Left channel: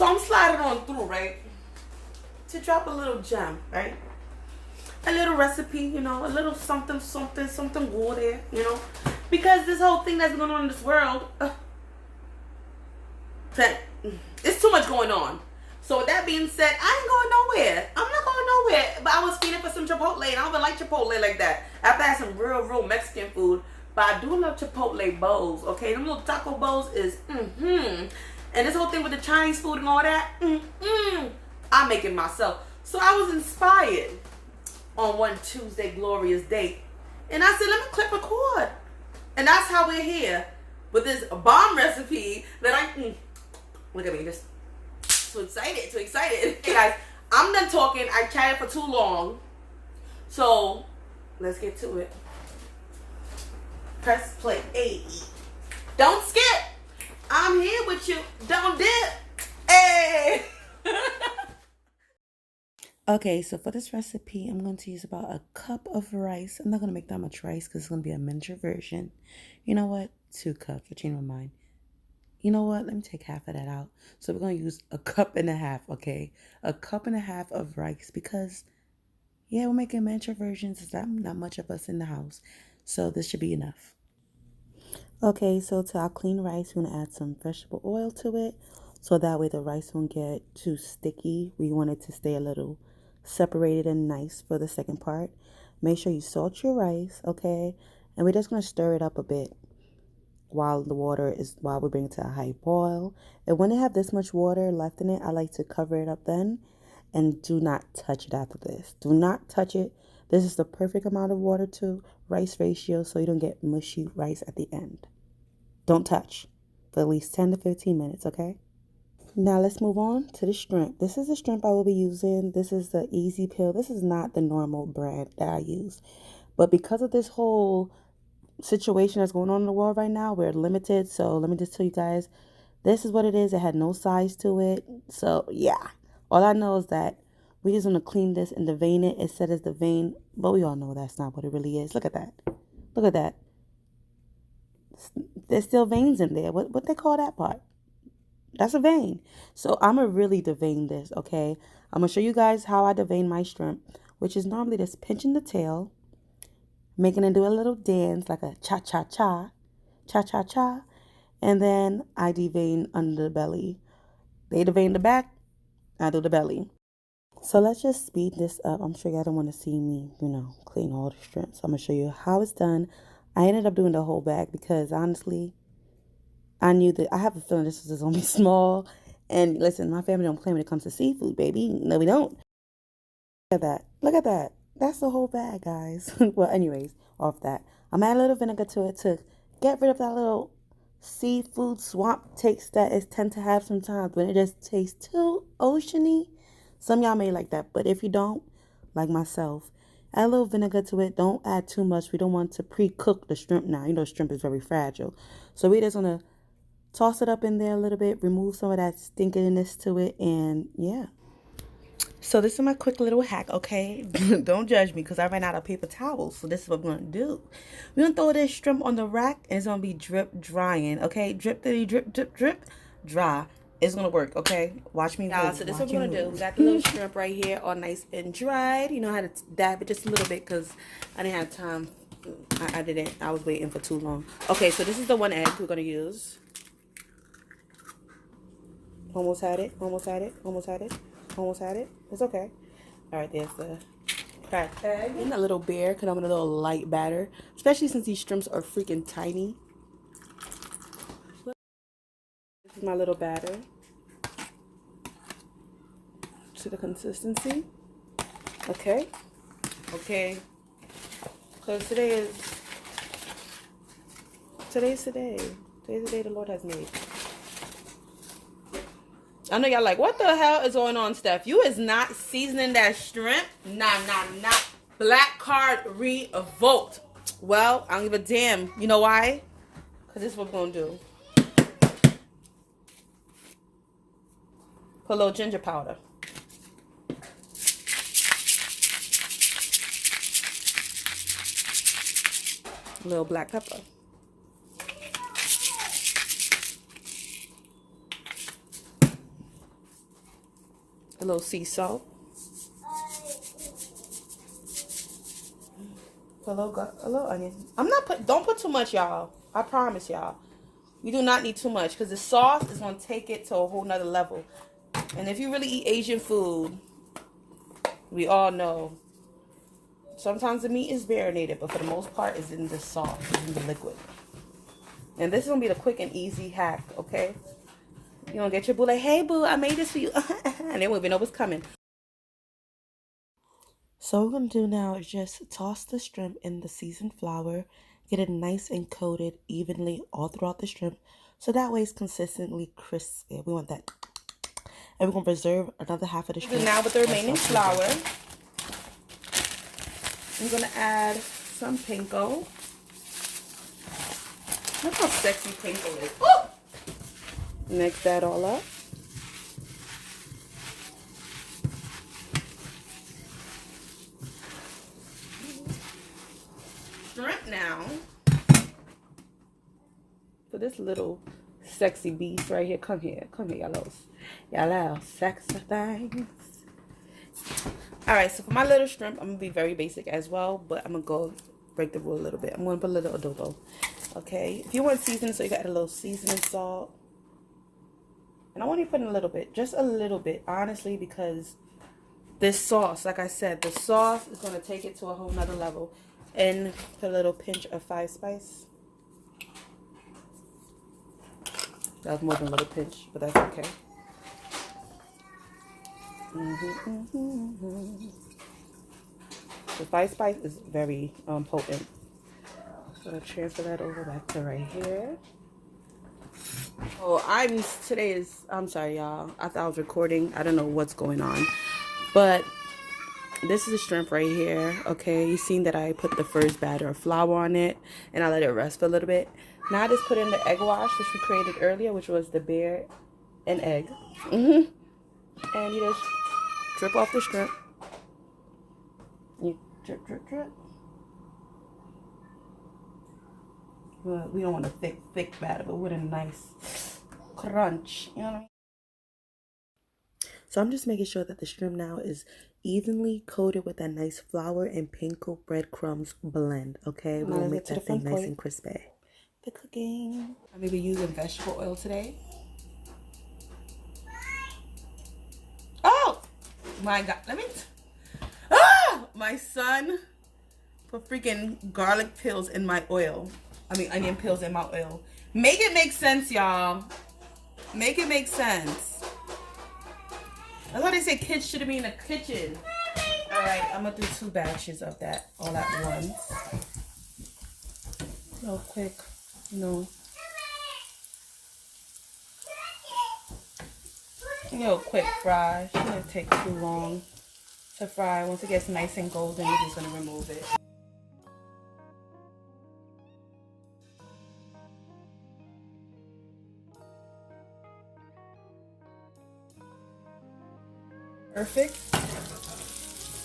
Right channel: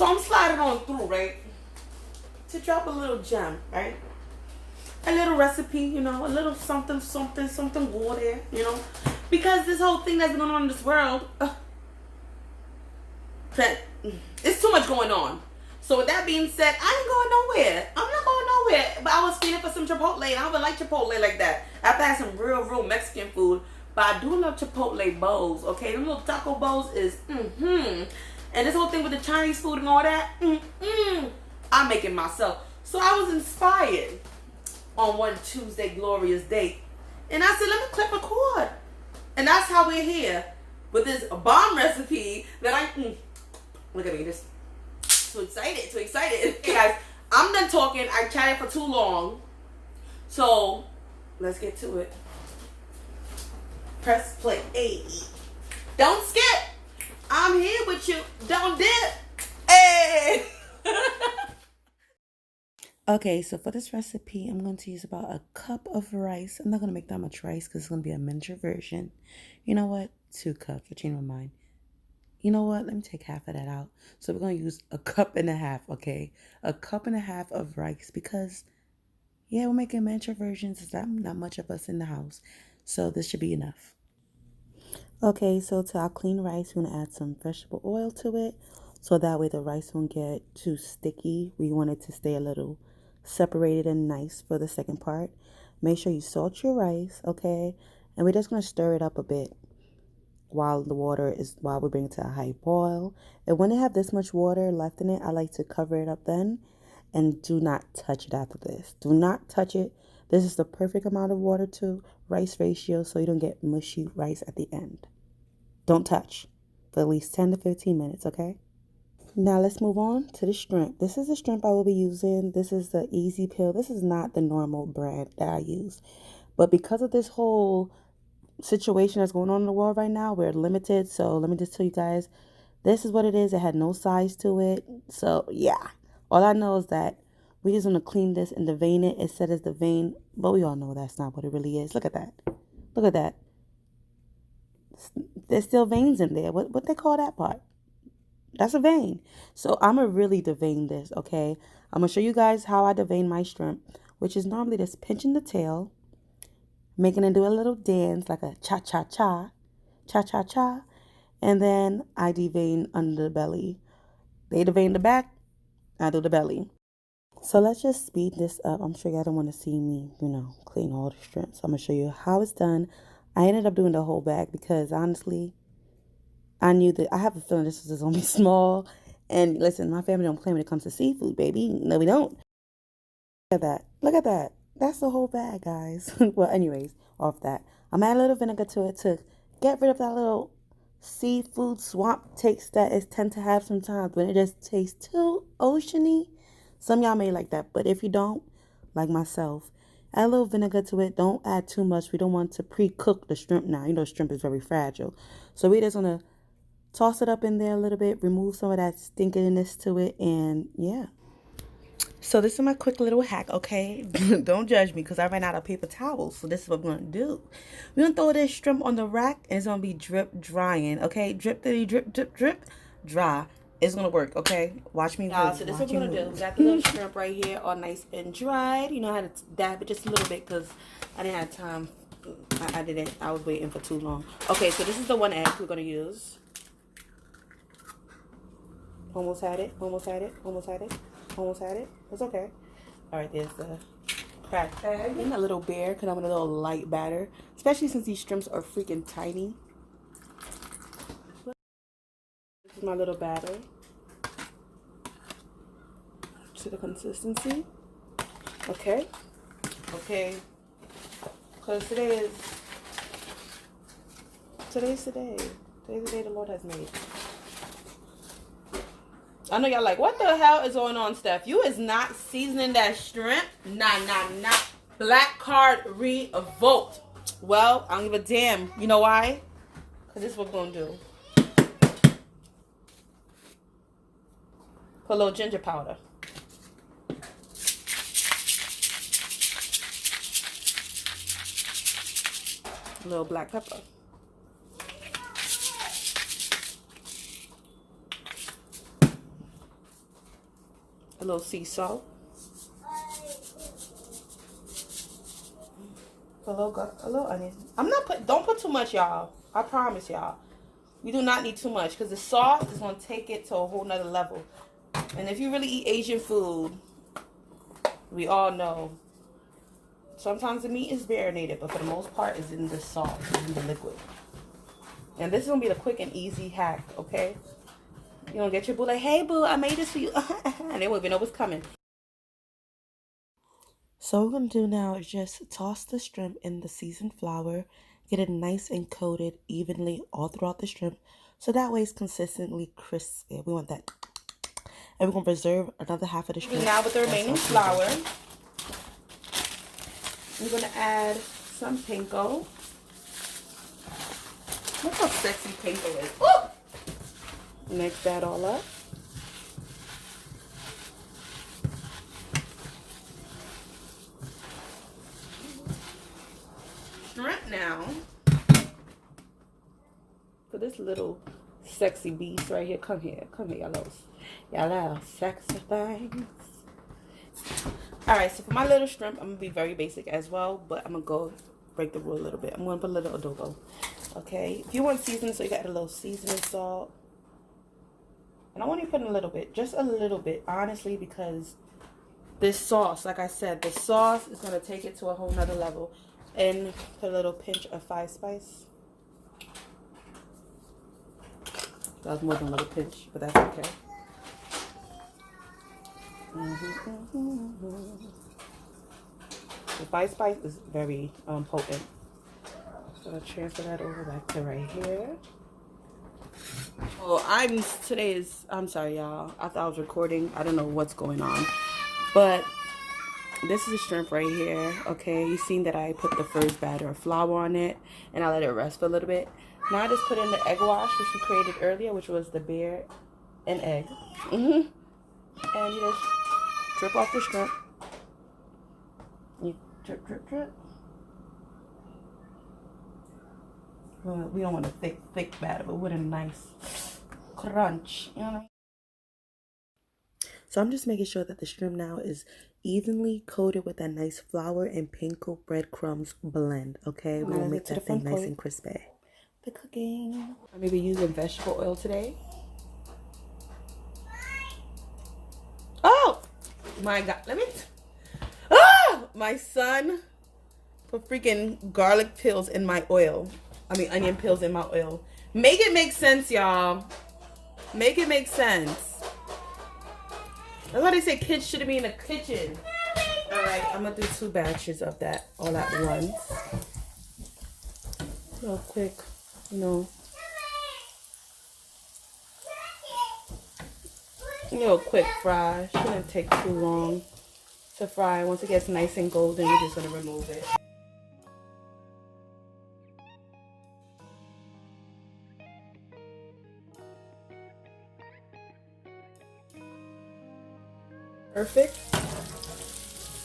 So I'm sliding on through, right? To drop a little gem, right? A little recipe, you know, a little something, something, something water, you know? Because this whole thing that's going on in this world, it's too much going on. So with that being said, I ain't going nowhere. I'm not going nowhere. But I was feeling for some Chipotle, and I don't even like Chipotle like that. After I had some real Mexican food. But I do love Chipotle bowls, okay? Them little taco bowls is, And this whole thing with the Chinese food and all that, I make it myself. So I was inspired on one Tuesday glorious day. And I said, let me click record. And that's how we're here. With this bomb recipe that I, look at me, just so excited, so excited. Hey guys, I'm done talking. I chatted for too long. So, let's get to it. Press play. Hey, don't skip. I'm here with you. Don't dip. Hey. Okay, so for this recipe, I'm going to use about a cup of rice. I'm not going to make that much rice because it's going to be a miniature version. You know what? 2 cups. I changed my mind. You know what? Let me take half of that out. So we're going to use a cup and a half, okay? A cup and a half of rice because, yeah, we're making miniature versions. There's not much of us in the house. So this should be enough. Okay, so to our clean rice, we're going to add some vegetable oil to it. So that way the rice won't get too sticky. We want it to stay a little separated and nice for the second part. Make sure you salt your rice, okay? And we're just going to stir it up a bit while we bring it to a high boil. And when it have this much water left in it, I like to cover it up then and do not touch it after this. Do not touch it. This is the perfect amount of water to rice ratio so you don't get mushy rice at the end. Don't touch for at least 10 to 15 minutes, okay? Now let's move on to the shrimp. This is the shrimp I will be using. This is the Easy Peel. This is not the normal brand that I use. But because of this whole situation that's going on in the world right now, we're limited. So let me just tell you guys, this is what it is. It had no size to it. So yeah, all I know is that we just want to clean this and devein it. It said it's the vein, but we all know that's not what it really is. Look at that. Look at that. There's still veins in there. What they call that part? That's a vein. So I'm going to really devein this, okay? I'm going to show you guys how I devein my shrimp, which is normally just pinching the tail, making it do a little dance like a cha-cha-cha, cha-cha-cha, and then I devein under the belly. They devein the back, I do the belly. So let's just speed this up. I'm sure y'all don't want to see me, clean all the shrimp. So I'm going to show you how it's done. I ended up doing the whole bag because honestly, I knew that I have a feeling this was only small. And listen, my family don't play when it comes to seafood, baby. No, we don't. Look at that. Look at that. That's the whole bag, guys. Well, anyways, off that. I'm adding a little vinegar to it to get rid of that little seafood swamp taste that it tend to have sometimes when it just tastes too oceany. Some of y'all may like that, but if you don't, like myself, add a little vinegar to it. Don't add too much. We don't want to pre-cook the shrimp now. You know, shrimp is very fragile. So we just want to toss it up in there a little bit, remove some of that stinkiness to it, and yeah. So this is my quick little hack, okay? Don't judge me because I ran out of paper towels. So this is what we're going to do. We're going to throw this shrimp on the rack, and it's going to be drip drying, okay? Drip, drip, drip, drip, dry. It's going to work, okay? Watch me move. So this is what we're going to do. We got the little shrimp right here all nice and dried. You know how to dab it just a little bit because I didn't have time. I didn't. I was waiting for too long. Okay, so this is the 1 egg we're going to use. Almost had it, almost had it, almost had it, almost had it. It's okay. All right, there's the cracked egg. And a little bear because I'm in a little light batter, especially since these shrimps are freaking tiny. This is my little batter. To the consistency. Okay. Okay. So today's the day. Today's the day the Lord has made. I know y'all like, what the hell is going on, Steph? You is not seasoning that shrimp. Nah. Black card revoked. Well, I don't give a damn. You know why? Because this is what we're going to do. Put a little ginger powder. A little black pepper. A little sea salt. A little onion. Don't put too much, y'all. I promise y'all. You do not need too much because the sauce is going to take it to a whole nother level. And if you really eat Asian food, we all know sometimes the meat is marinated, but for the most part, it's in the sauce, it's in the liquid. And this is going to be the quick and easy hack, okay? You don't get your boo like, hey, boo, I made this for you. And they won't even know what's coming. So what we're going to do now is just toss the shrimp in the seasoned flour. Get it nice and coated evenly all throughout the shrimp. So that way it's consistently crispy. We want that. And we're going to preserve another half of the shrimp. Now with the remaining flour, I'm going to add some panko. Look how sexy panko is. Ooh! Mix that all up. Right now, for this little sexy beast right here, come here, y'all little sexy things. All right, so for my little shrimp, I'm gonna be very basic as well, but I'm gonna go break the rule a little bit. I'm gonna put a little adobo. Okay, if you want seasoning, so you got a little seasoning salt, and I want you to put in a little bit, just a little bit, honestly, because this sauce, like I said, the sauce is gonna take it to a whole nother level. And put a little pinch of 5 spice. That was more than a little pinch, but that's okay. The 5 spice is very potent. So I'll transfer that over back to right here. Oh, I'm sorry, y'all. I thought I was recording. I don't know what's going on, but this is a shrimp right here. Okay, you seen that I put the first batter of flour on it and I let it rest for a little bit. Now I just put in the egg wash which we created earlier, which was the beer and egg. And you just drip off the shrimp. You drip, drip, drip. Well, we don't want a thick batter, but with a nice crunch. You know what I mean? So I'm just making sure that the shrimp now is evenly coated with that nice flour and panko breadcrumbs blend. Okay, we're gonna make that thing nice and crispy. The cooking. I'm gonna be using vegetable oil today. Oh my God! My son put freaking garlic pills in my oil. I mean onion pills in my oil. Make it make sense, y'all. Make it make sense. That's why they say kids shouldn't be in the kitchen. All right, I'm gonna do 2 batches of that all at once. Real quick, you know. Real quick fry. Shouldn't take too long to fry. Once it gets nice and golden, we're just gonna remove it. Perfect.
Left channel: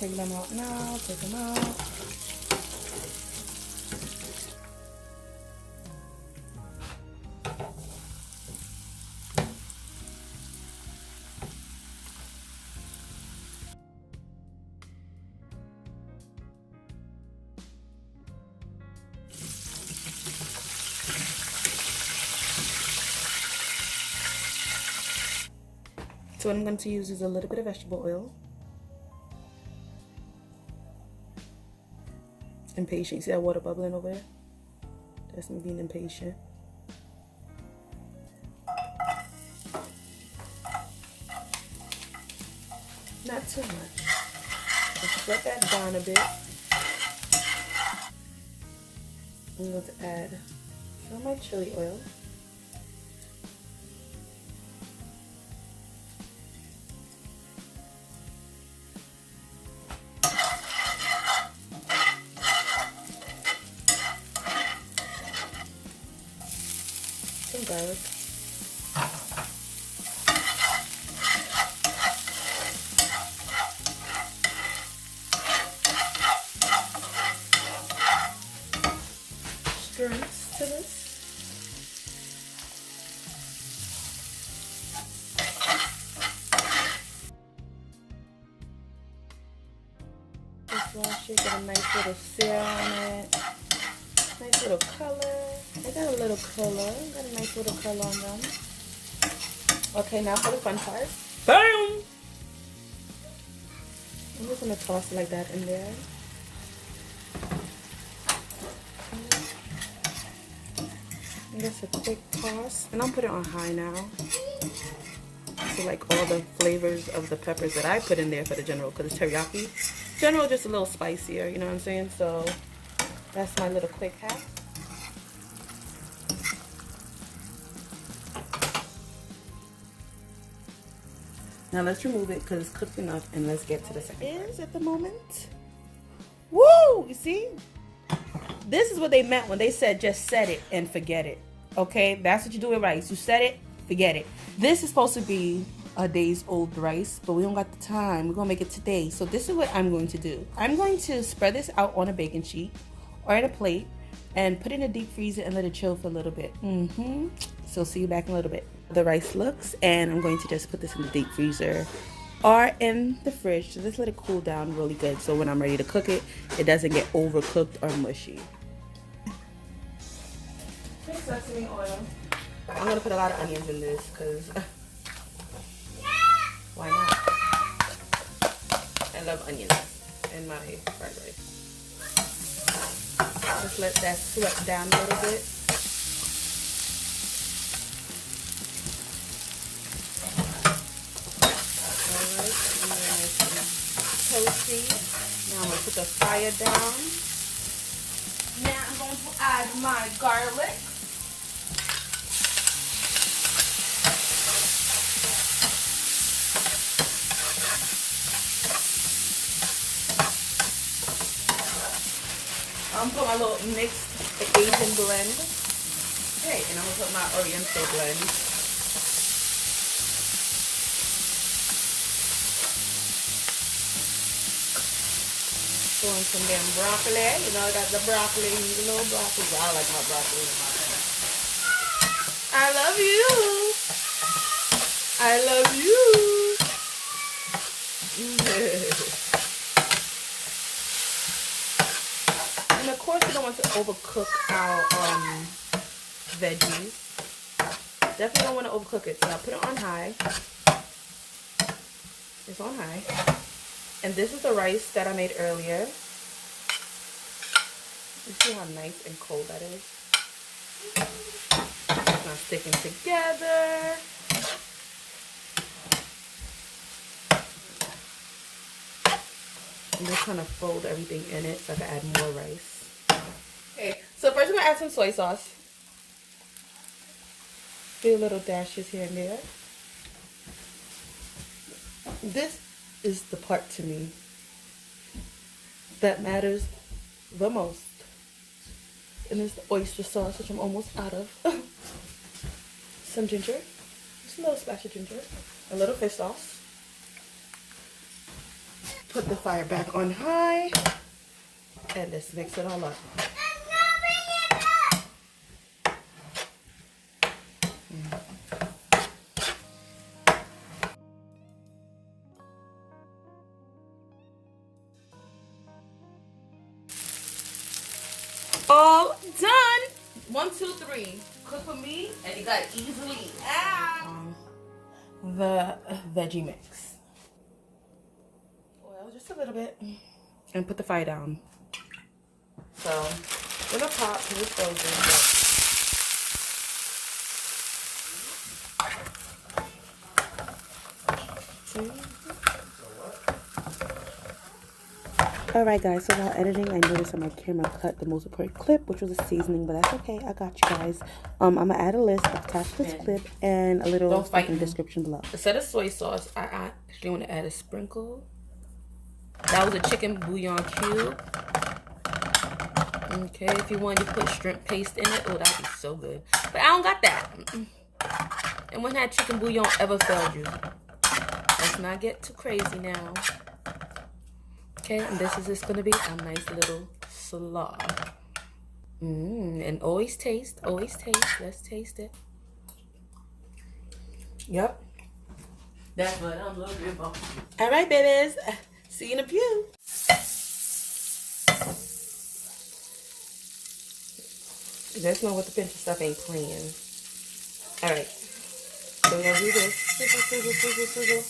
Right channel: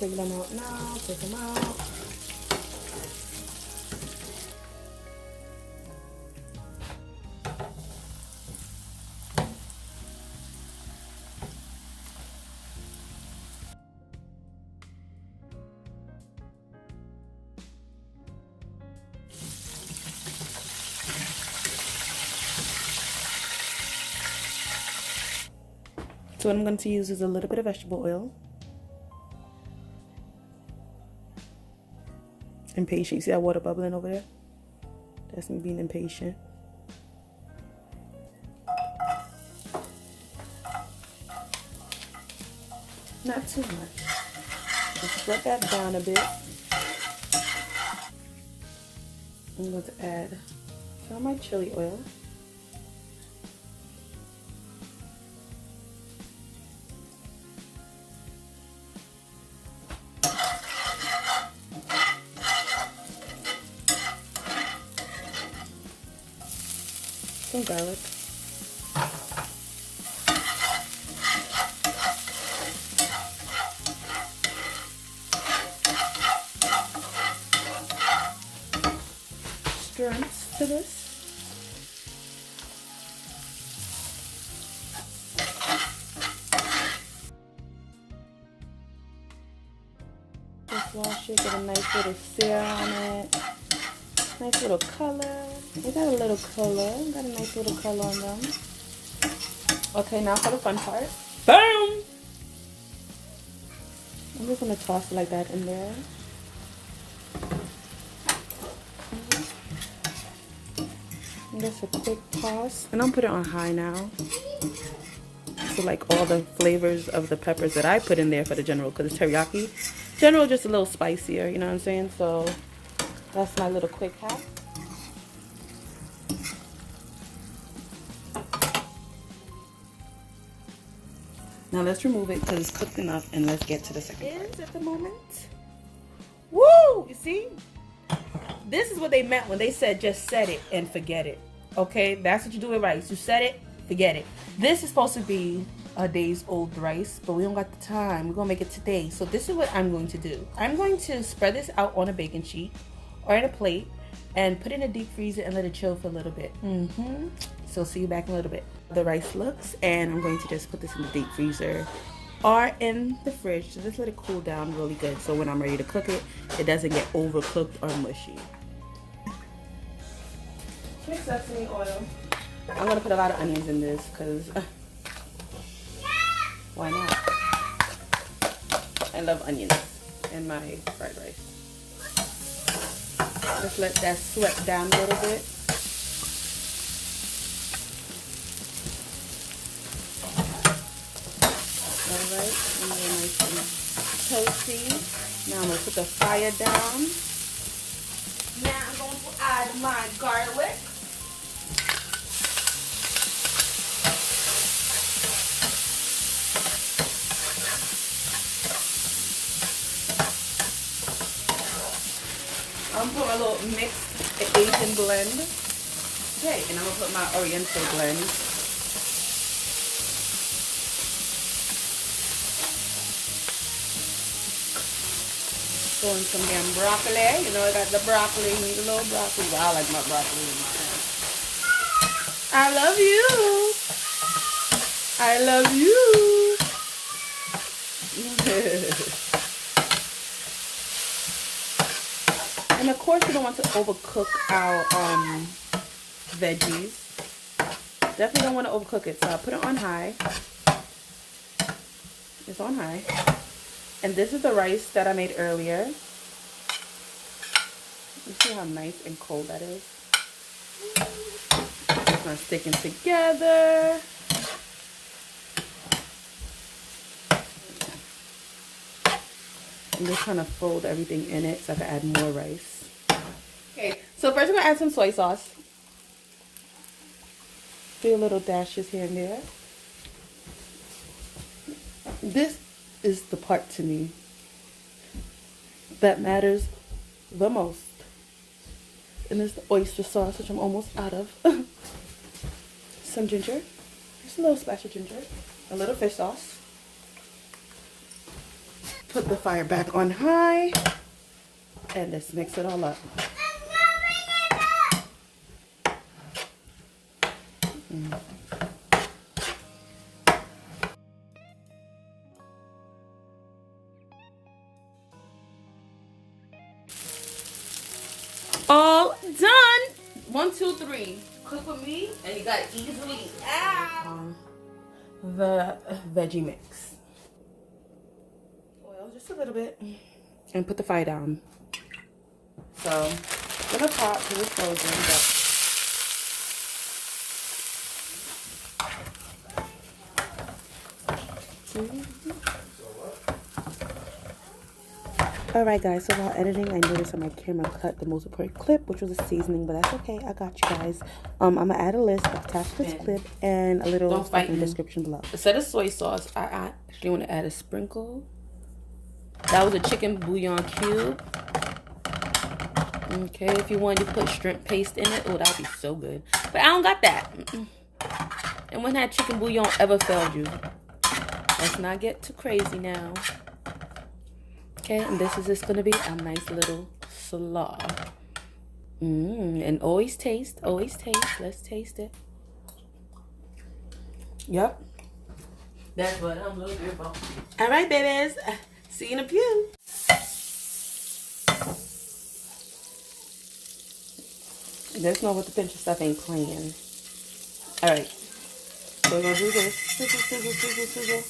Take them out now. Take them out. So what I'm going to use is a little bit of vegetable oil. Impatient. You see that water bubbling over there? That's me being impatient. Not too much. Just let that down a bit. I'm going to add some of my chili oil. Some garlic. Strengths to this. wash it, get a nice little sear on it. Nice little color. They got a little color. Got a nice little color on them. Okay, now for the fun part. Boom! I'm just gonna toss it like that in there. And just a quick toss. And I'm put it on high now. So like all the flavors of the peppers that I put in there for the general, because it's teriyaki. General just a little spicier, you know what I'm saying? So that's my little quick hack. Now let's remove it because it's cooked enough, and let's get to the second part. At the moment. Woo! You see? This is what they meant when they said just set it and forget it. Okay? That's what you do with rice. You set it, forget it. This is supposed to be a day's old rice, but we don't got the time. We're going to make it today. So this is what I'm going to do. I'm going to spread this out on a baking sheet or in a plate and put it in a deep freezer and let it chill for a little bit. So see you back in a little bit. The rice looks, and I'm going to just put this in the deep freezer or in the fridge to just let it cool down really good, so when I'm ready to cook it, it doesn't get overcooked or mushy. Here's sesame oil. I'm gonna put a lot of onions in this because why not? I love onions in my fried rice. Just let that sweat down a little bit. Alright, and then it's toasty. Now I'm going to put the fire down. Now I'm going to add my garlic. I'm going to put my little mixed Asian blend. Okay, and I'm going to put my Oriental blend. Throwing some damn broccoli. You know, I got the broccoli, the little broccoli. I like my broccoli in my hand. I love you. I love you. And of course, you don't want to overcook our veggies. Definitely don't want to overcook it. So I put it on high. It's on high. And this is the rice that I made earlier. You see how nice and cold that is? It's not sticking together. I'm just trying to fold everything in it so I can add more rice. Okay, so first I'm going to add some soy sauce. Do little dashes here and there. This is the part to me that matters the most, and it's the oyster sauce, which I'm almost out of. Some ginger, just a little splash of ginger, a little fish sauce. Put the fire back on high, and let's mix it all up. All done. 1, 2, 3. Cook with me, and you got easily the veggie mix. Oil just a little bit, and put the fire down. So little pot because it's frozen. Alright guys, so while editing, I noticed on my camera cut the most important clip, which was a seasoning, but that's okay. I got you guys. I'm going to add a list attached to this clip and a little stuff in the description below. Instead of soy sauce, I actually want to add a sprinkle. That was a chicken bouillon cube. Okay, if you wanted to put shrimp paste in it, oh, that'd be so good. But I don't got that. And when that chicken bouillon ever failed you? Let's not get too crazy now. Okay, and this is just gonna be a nice little slaw. And always taste, always taste. Let's taste it. Yep. That's what I'm looking for. All right, babies. See you in a few. There's no with the pinch of stuff ain't playing. All right. So we're gonna do this. Sizzle, sizzle, sizzle, sizzle.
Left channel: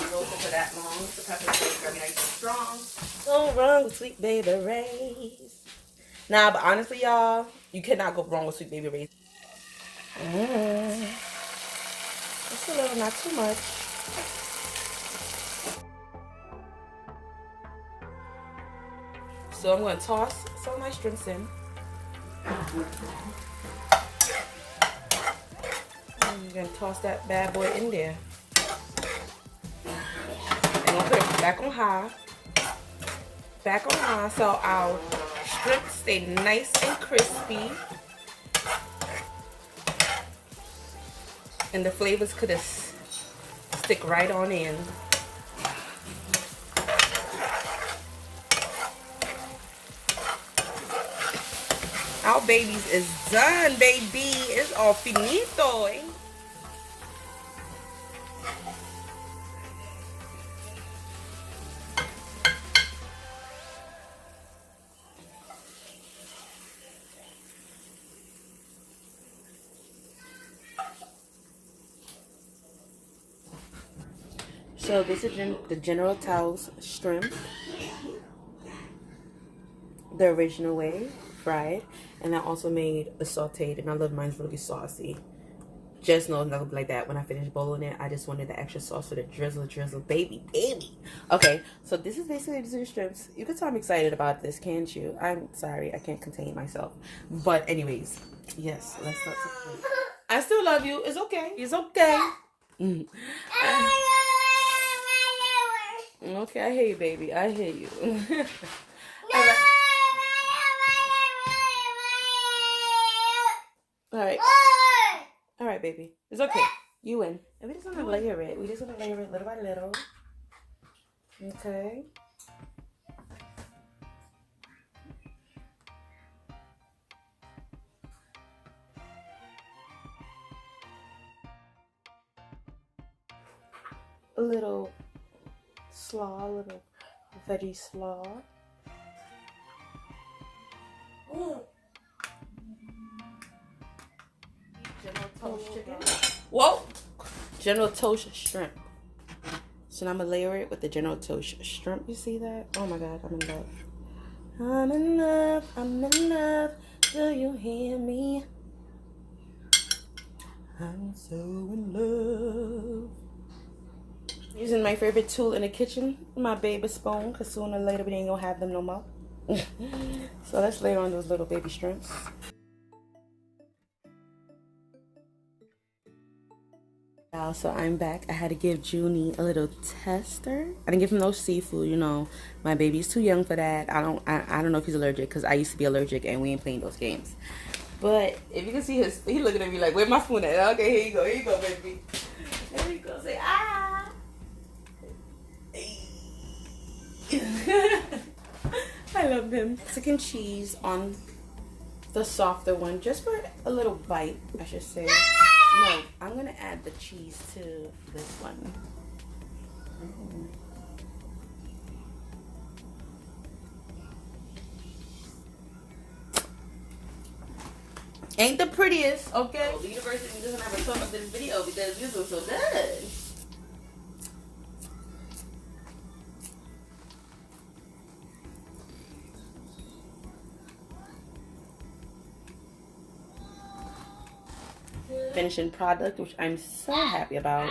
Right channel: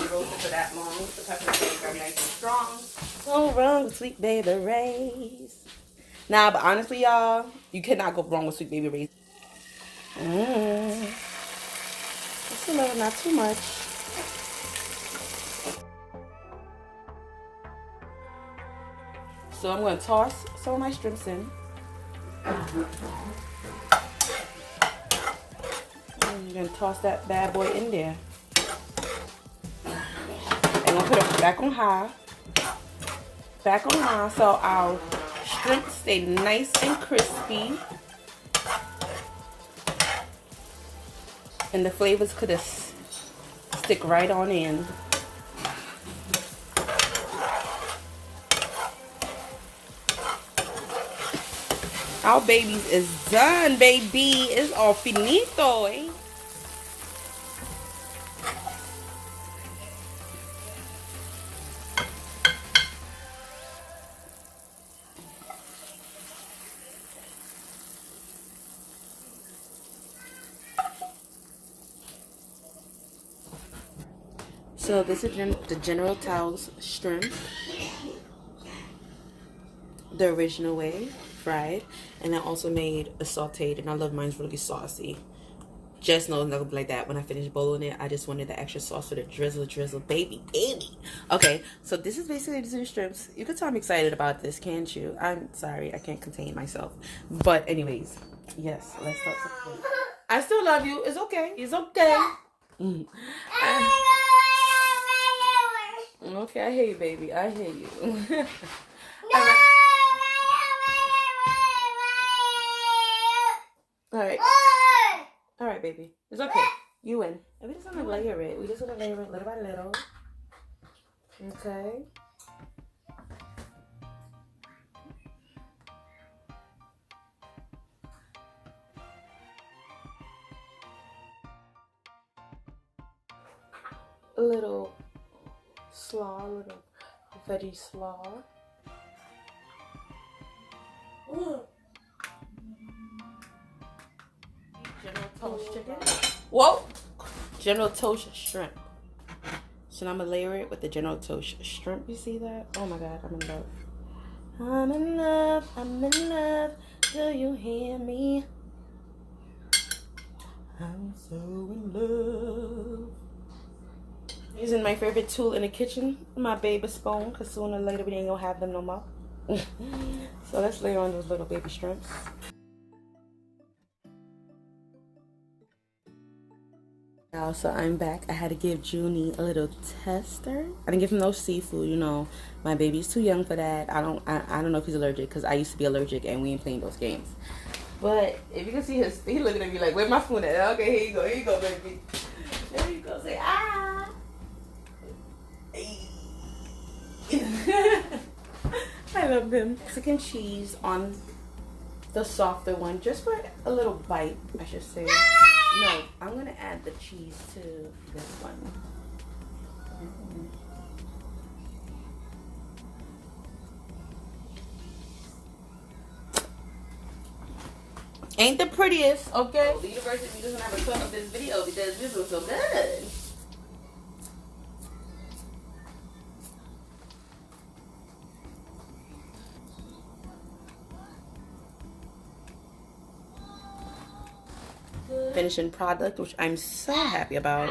You roast it for that long. The peppers are nice and strong. So wrong with Sweet Baby Ray's. Nah, but honestly, y'all, you cannot go wrong with Sweet Baby Ray's. Just a little, not too much. So I'm gonna toss some of my shrimps in. I'm gonna toss that bad boy in there. And I'm gonna put it back on high. Back on high so our shrimp stay nice and crispy. And the flavors could just stick right on in. Our babies is done, baby. It's all finito, eh? So this is the General Tso's shrimp, the original way, fried, and I also made a sauteed, and I love mine's really saucy. Just know it's not gonna be like that when I finish boiling it. I just wanted the extra sauce for the drizzle, baby. Okay, so this is basically the shrimps. You can tell I'm excited about this, can't you? I'm sorry, I can't contain myself. But anyways, yes, let's start something. I still love you. It's okay. It's okay. Okay, I hear you, baby. I hear you. All right. All right, baby. It's okay. You win. And we just want to layer it. We just want to layer it little by little. Okay. A little slaw, a little veggie slaw. General Tso's chicken. Whoa! General Tso's shrimp. So now I'm gonna layer it with the General Tso's shrimp. You see that? Oh my god, I'm in love. I'm in love, I'm in love. Do you hear me? I'm so in love. Using my favorite tool in the kitchen, my baby spoon, because sooner or later we ain't gonna have them no more. So let's layer on those little baby shrimps. So I'm back. I had to give Junie a little tester. I didn't give him no seafood, you know. My baby's too young for that. I don't know if he's allergic, because I used to be allergic and we ain't playing those games. But if you can see he looking at me like, where's my spoon at? Okay, here you go, baby. There you go, say ah. I love him. Mexican cheese on the softer one, just for a little bite, I should say. No, I'm gonna add the cheese to this one. Ain't the prettiest, okay? The university doesn't have a fun of this video because this was so good. Finishing product, which I'm so happy about.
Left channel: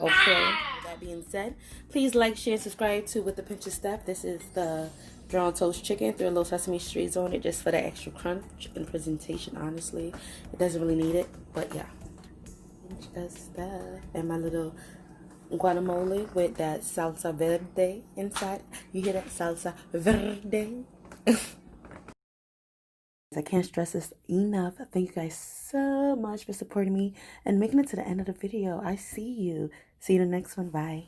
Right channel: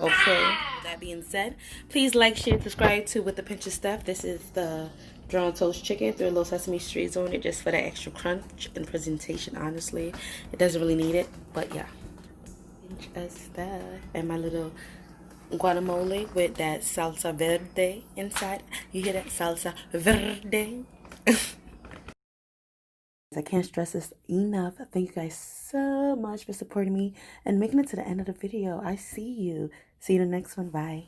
Okay, with that being said, please like, share, subscribe to With a Pinch of Steph. This is the General Tso's chicken. Threw a little sesame seeds on it just for the extra crunch and presentation. Honestly, it doesn't really need it, but yeah. Pinch of Steph. And my little guacamole with that salsa verde inside. You hear that? Salsa verde. I can't stress this enough. Thank you guys so much for supporting me and making it to the end of the video. I see you. See you in the next one. Bye.